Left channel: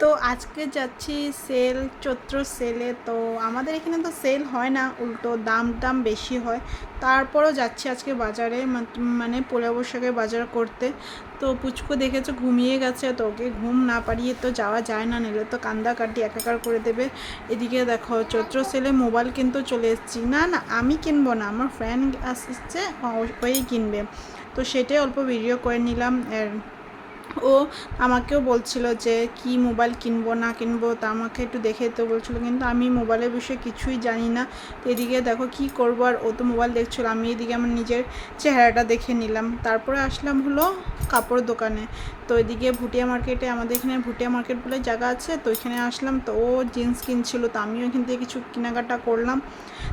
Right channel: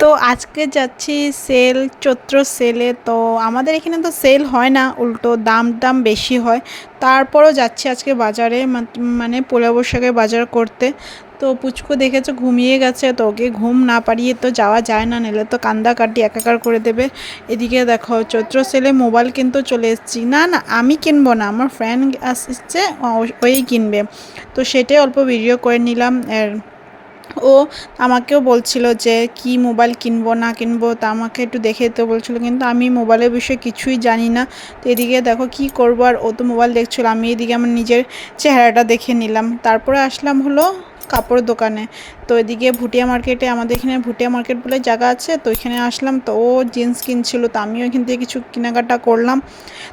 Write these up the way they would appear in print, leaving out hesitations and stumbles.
তো আজকে যাচ্ছি সেল চৈত্র সেলে। তো আমাদের এখানে তো সেল হয় না, উল্টো দাম বেশি হয়। তারপরও যাচ্ছি আজকে বাজারে, মানে পয়লা বৈশাখের বাজার করতে। তো পুচকু দেখেছো ঘুমিয়ে গেছে, তো ওকে ঘুম না পাড়িয়ে তো যাওয়া যায় না, নিলে তো কান্দাকাটি একাকার করে দেবে। এদিকে দেখো চৈত্র সেলে মোবাইল কিন্তু চলে এসেছি। না না, আমি কিনবো না, আমার ফ্রেন্ড আসছে, ওই কিনবে। তো সেটাই অল্প ভিডিও করে নিলাম। ও আমাকেও বলছিল যে কি মোবাইল কিনবো না কিনবো, তা আমাকে একটু দেখে দিতে বলছিল, কিন্তু আমি মোবাইলের বিষয়ে কিছুই জানি না। তো এদিকে দেখো কি করবো, আর ও তো মোবাইল দেখছিল, আমি এদিকে আমার নিজের চেহারাটা দেখে নিলাম। তারপরে আসলাম হলো কাপড় দোকানে। তো এদিকে ভুটিয়া মার্কেটে, আমাদের এখানে ভুটিয়া মার্কেট বলে জায়গা আছে, তো এখানে আসলাম। তো ও জিন্স কিনছিল, তো আমিও এখান থেকে কিছু কেনাকাটা করলাম।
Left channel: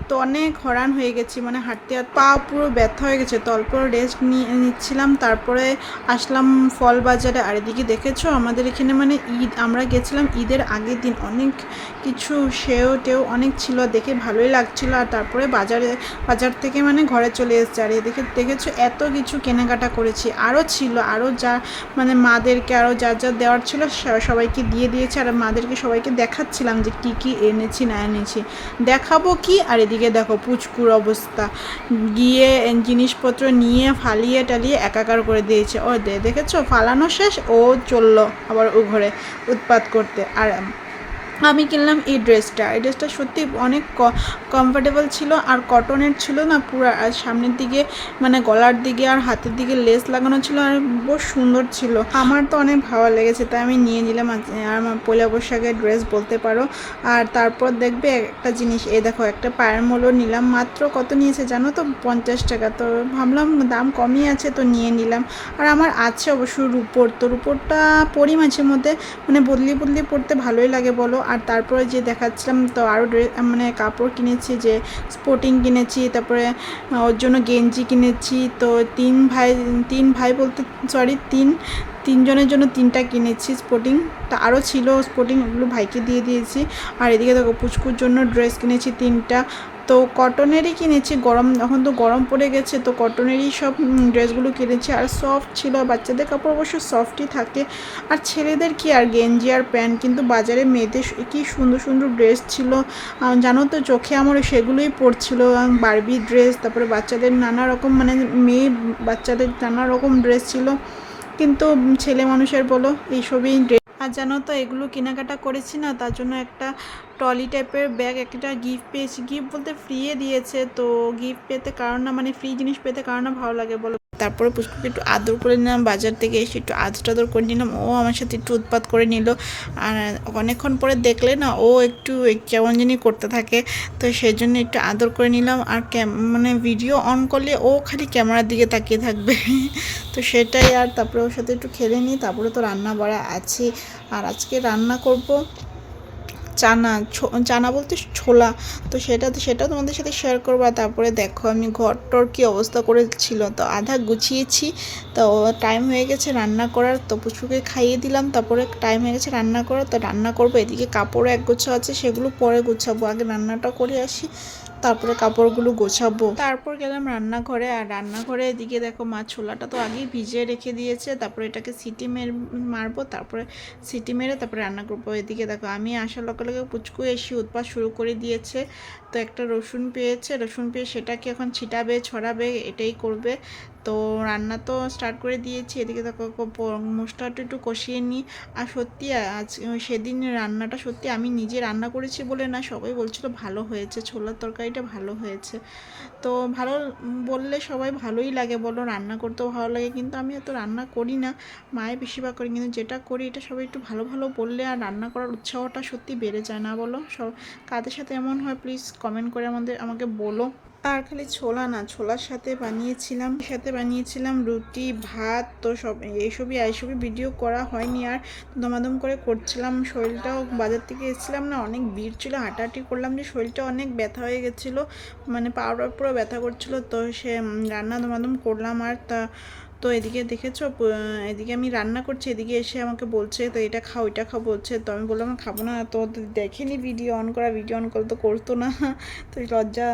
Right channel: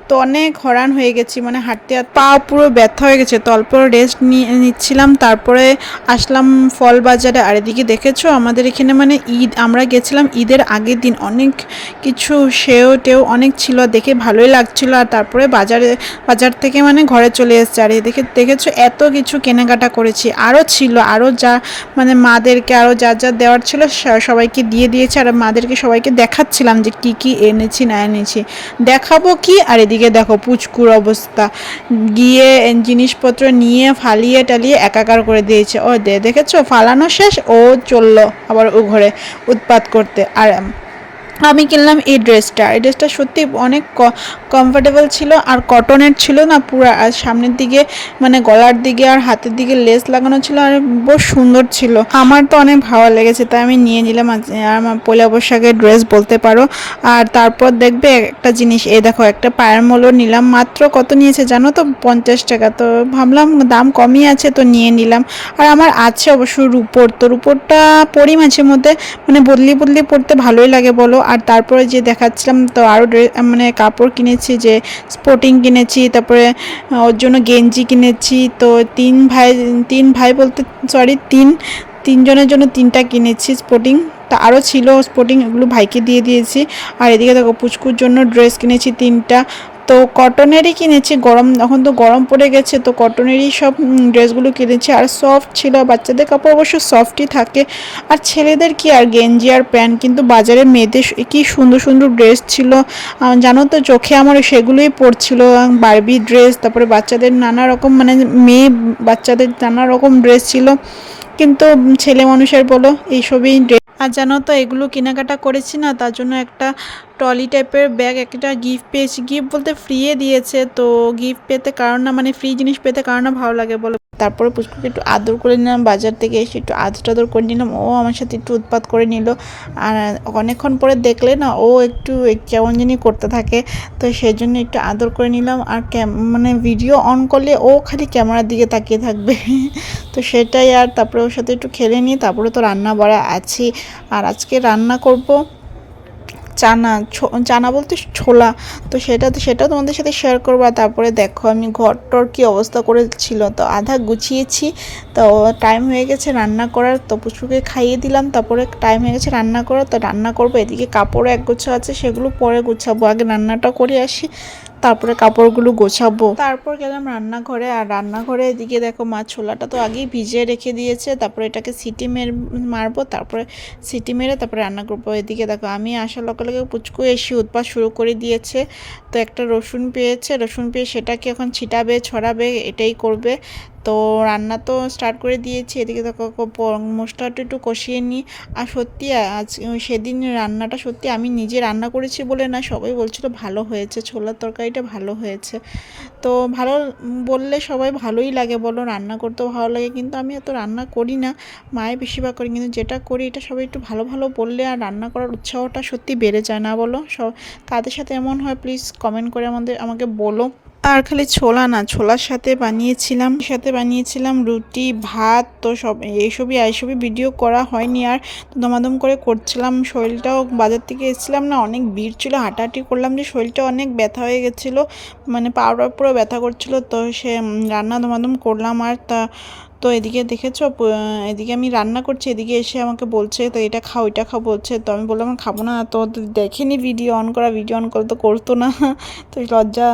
তো অনেক হরান হয়ে গেছি, মানে হাঁটতে হাঁটতে পা পুরো ব্যথা হয়ে গেছে, তো অল্প রেস্ট নিচ্ছিলাম। তারপরে আসলাম ফল বাজারে। আর এদিকে দেখেছো আমাদের এখানে মানে ঈদ, আমরা গেছিলাম ঈদের আগের দিন, অনেক কিছু সেও টেও অনেক ছিল, দেখে ভালোই লাগছিল। আর তারপরে বাজার থেকে মানে ঘরে চলে এসেছে। আর এদিকে দেখেছো এত কিছু কেনাকাটা করেছি, আরও ছিল, আরও যা মানে মাদেরকে আরও যা যা দেওয়ার ছিল সবাইকে দিয়ে দিয়েছে। আর মাদেরকে সবাইকে দেখাচ্ছিলাম যে কি কি এনেছি না এনেছি, দেখাবো কি। আর এদিকে দেখো পুচকুর অবস্থা, গিয়ে জিনিসপত্র নিয়ে ফালিয়ে টালিয়ে একাকার করে দিয়েছে। ও দেখেছো ফালানো শেষ, ও চললো আবার ও ঘরে উৎপাত করতে। আর আমি কিনলাম এই ড্রেসটা সত্যি অনেক কমফোর্টেবল ছিল, আর কটনের ছিল না পুরো। আর সামনের দিকে মানে গলার দিকে আর হাতের দিকে লেস লাগানো ছিল, আর বেশ সুন্দর ছিল, আমার তো অনেক ভালো লেগেছে, তাই আমি নিয়ে নিলাম। আর আমার পয়লা বৈশাখের ড্রেস বলতে পারো। আর তারপর দেখবে একটা জিনিস, এই দেখো একটা পায়ের মোলও নিলাম, মাত্র কত নিয়েছে জানো তো, 50 টাকা। তো ভাবলাম দাম কমই আছে, তো নিয়ে নিলাম। আর আমার আছে অবশ্য রুপোর, তো রুপোরটা পরি মাঝে মধ্যে, মানে বদলি বদলি পড়তে ভালোই লাগে বলো। আর তারপরে যে দেখাচ্ছিলাম, তো আরও মানে কাপড় কিনেছি, যে স্পোর্টিং কিনেছি, তারপরে ওর জন্য গেঞ্জি কিনেছি। তো তিন ভাই বলতে সরি তিনজনের জন্য তিনটা কিনেছি স্পোর্টিং। তা আরও ছিল স্পোর্টিং, এগুলো ভাইকে দিয়ে দিয়েছি। আর এদিকে দেখো পুচকুর জন্য ড্রেস কিনেছি তিনটা। তো কটনেরই কিনেছি, গরম এখন তো গরম পড়ে গেছে, তো কটনেরই সব ড্রেসগুলো কিনেছি। আর সফট ছিল, বাচ্চাদের কাপড় অবশ্য সফটই থাকে। আর ছেলেদের কি আর গেঞ্জি আর প্যান্ট, কিন্তু বাজারে মেয়েদের কি সুন্দর সুন্দর ড্রেস ছিল, জানো তো চোখে আমার সেগুলোই পড়ছিল। বারবি ড্রেস, তারপরে বাচ্চাদের নানা রকম, মানে মেয়ে বাচ্চাদের নানা রকম ড্রেস ছিল, কিন্তু ছেলে মানুষের বলো এইসবই ড্রেস। আর জানো তো এগুলো কেনাকাটা করেছি না, তার জন্য একটা ট্রলি টাইপের ব্যাগ একটা গিফট পেয়েছি, গিফট বলতে ফ্রিয়ে দিয়েছে। তো গিফট পেতে কারণ না, মানে ফ্রি জিনিস পেতে কারণ না ভালো লাগে বলো। তারপরে পুষ্পকে একটু আদর করে নিলাম, বাজার থেকে এসে একটু আদর করে নিলাম, ও আমার সাথে একটু উৎপাত করে নিল। আর অনেকক্ষণ পরে দেখলে না ও একটু কেমন জানি করতে থাকে, তো সেই জন্য একটু আদর করে নিলাম। আর মানে ভিডিও অন করলে ও খালি ক্যামেরার দিকে তাকিয়ে থাকবে তো সেটাই। আর তারপরে ওর সাথে একটু খেলে নিই, তারপরে তো রান্না বাড়া আছে। আর আজকে রান্না করব চানা, চানা বলতে ছোলা। তো সেটা তোমাদের সাথে শেয়ার করবো। আর তারপরে দেখো আমি ঘরটর কী অবস্থা করেছিল, তো আধা গুছিয়েছি। তো টাইম হয়ে গেছে রান্না করার, তো পুচকুকে খাইয়ে দিলাম, তারপরে টাইম হয়ে গেছে রান্না করার, তো রান্না করবো। এদিকে কাপড় এক গোছা আছে, সেগুলো পরে গুছাবো, আগে রান্নাটা করে আসি, তারপরে কাপড়গুলো গোছাবো। তারপর গেলাম রান্নাঘরে। আর রান্নাঘরে এদিকে দেখো মা ছোলাটা তো আগেই ভিজিয়ে রেখে দিয়েছে, তারপরে এটাকে সিটি মারবো, তারপরে সিটি মেরে তারপরে রান্না করবো। এদিকে দেখো আমি আসার লগে লগে পুচকু এসে উৎপাত শুরু করে দিয়েছে। তো একটা রসুন পেয়েছে, রসুন পেয়ে সেটাকে এখন ছিটাবে ছড়াবে, এটাই করবে। তো রান্না তো স্টার্ট করে দিয়েছি। এদিকে দেখো মশলাটা একটু কষিয়ে নিই। আর সত্যি আজ সেদিন রান্নাটা সত্যি আমি নিজে রান্না করেছি বলে না, সবাই বলছিল ভালো হয়েছে, ছোলার তরকারিটা ভালো হয়েছে। তো ভালো বললে সবাই ভালোই লাগে বলো, রান্না করতেও ভালো লাগে, কিন্তু আমি এত রান্না করি না, মায়ের বেশিরভাগ করি, কিন্তু যেটা করি এটা সবাই একটু ভালো ভালো বললে আর রান্না করার উৎসাহটা সত্যি বেড়ে যায় না বলো। কাদের সাথে এমন হয় প্লিজ কমেন্ট করে আমাকে বলো। আর খালি ছোলা না, ছোলার সাথে বানিয়েছিলাম রুটি ভাত, তো এইসবই ভিডিও করা হয়নি। আর দমাদম করে করছিলাম, শরীরটাও বাজার থেকে এসেছিলাম না, অনেক ভিড় ছিল, হাঁটাহাঁটি করলাম যে শরীরটা অনেক ব্যথা হয়ে গেছিলো, মানে পাউডার পুরো ব্যথা করছিল। তো সে রান্না দমাদম করলাম। আর তো এদিকে দেখেছো এদিকে আমি রান্না করছি, এদিকে এসে আমাকে বলছে তো এটা খাও ওইটা খাও বলছে। তো আমি বললাম খাবো না, তো দেখেনি ভিডিও অন করা, ভিডিও অন করে তো করতো না তো লজ্জা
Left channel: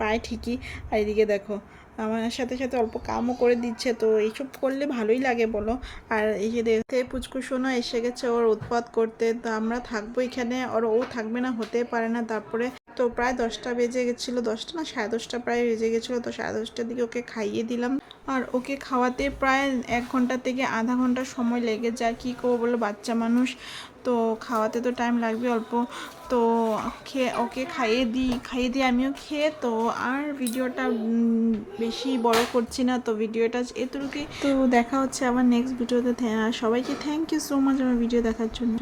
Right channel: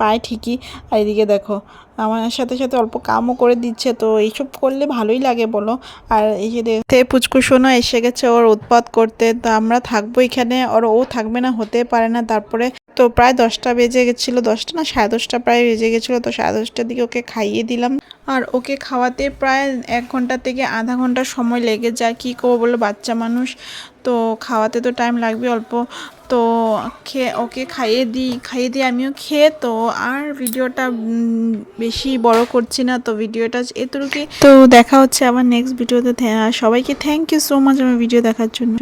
পায় ঠিকই। আর এদিকে দেখো আমার সাথে সাথে অল্প কামও করে দিচ্ছে, তো এইসব করলে ভালোই লাগে বলো। আর এই যে দেখতে পুচকুসোনা এসে গেছে ওর উৎপাত করতে, তো আমরা থাকবো এখানে আর ও থাকবে না, হতে পারে না। তারপরে তো প্রায় 10টা বেজে গেছিলো, 10টা না 10:30 প্রায় বেজে গেছিলো, তো 10:30টার দিকে ওকে খাইয়ে দিলাম। আর ওকে খাওয়াতে প্রায় 1 ঘন্টা থেকে আধা ঘন্টা সময় লেগে যায়, কী করবো বলো বাচ্চা মানুষ, তো খাওয়াতে তো টাইম লাগবে অল্প। তো ওকে খাইয়ে দিই আমিও খেয়ে। তো আর ভিডিওটা বেশি বড় করছি না, তো ভিডিওটা এতটুকুই। তো দেখা হচ্ছে আবার নেক্সট ভিডিওতে। সবাইকে থ্যাংক ইউ সো মাচ আমার ভিডিও দেখার জন্য।